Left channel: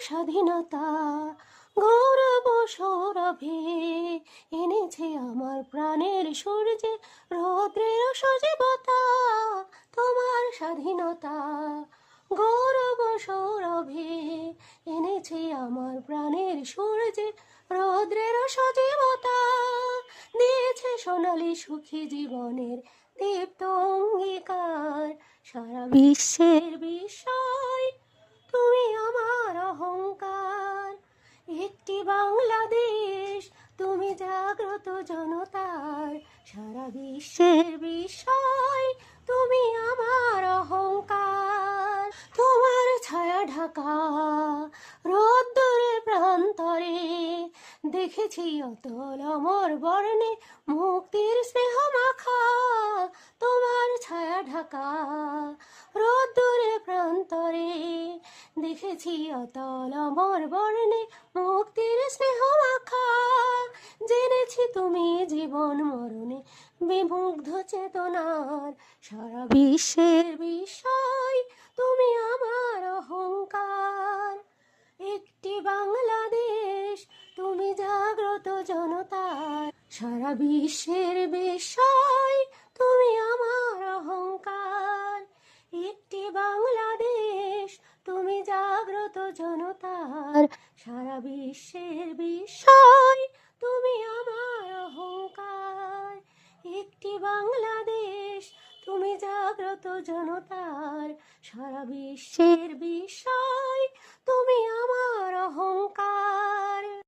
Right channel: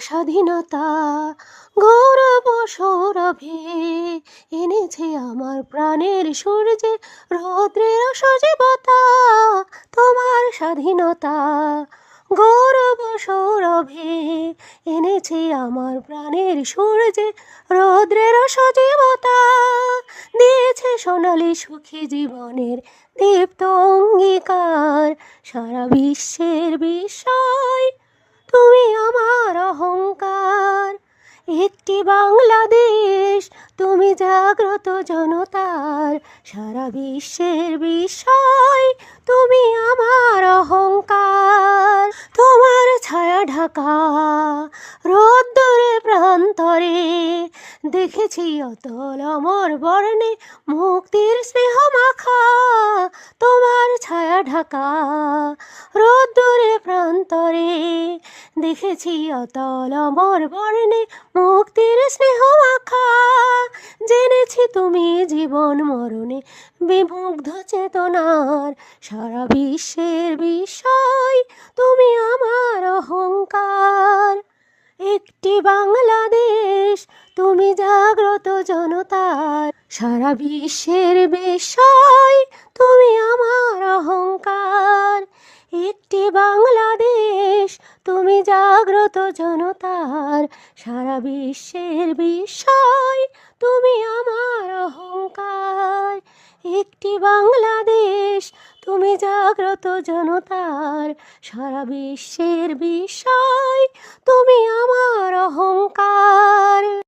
স্বাধীনতা গৌরব সৌরভে এনেছে আমার প্রাণের সূর্যে রৌদ্রের সজীবতা। তোমার স্বাধীনতা গৌরব সৌরভে এনেছে আমার প্রাণের সূর্যে রৌদ্রের সজীবতা। দিয়েছে সোনালি সুখী জীবনের দীপ্ত অঙ্গীকার। সারা বিশ্বের বিস্ময় তুমি আমার অহংকার। একটি বাংলাদেশ তুমি জাগ্রত জনতার। সারা বিশ্বের বিস্ময় তুমি আমার অহংকার। তোমার ছায়া ঢাকা রোদ্দুরে প্রান্তরে দেখেছি অতল অমর বর্ণে মুক্তির স্নেহ মাখা। তোমার ছায়া ঢাকা রোদ্দুরে প্রান্তরে দেখেছি অতল অমর বর্ণে মুক্তির স্নেহ মাখা। জেনেছি তুমি জীবন মরণে বিমুগ্ধ চেতনার। সারা বিশ্বের বিস্ময় তুমি আমার অহংকার। একটি বাংলাদেশ তুমি জাগ্রত জনতার। সারা বিশ্বের বিস্ময় তুমি আমার অহংকার। একটি বাংলাদেশ তুমি জাগ্রত জনতার। সারা বিশ্বের বিস্ময় তুমি আমার অহংকার। একটি বাংলাদেশ তুমি জাগ্রত জনতার। সারা বিশ্বের বিস্ময় তুমি আমার অহংকার।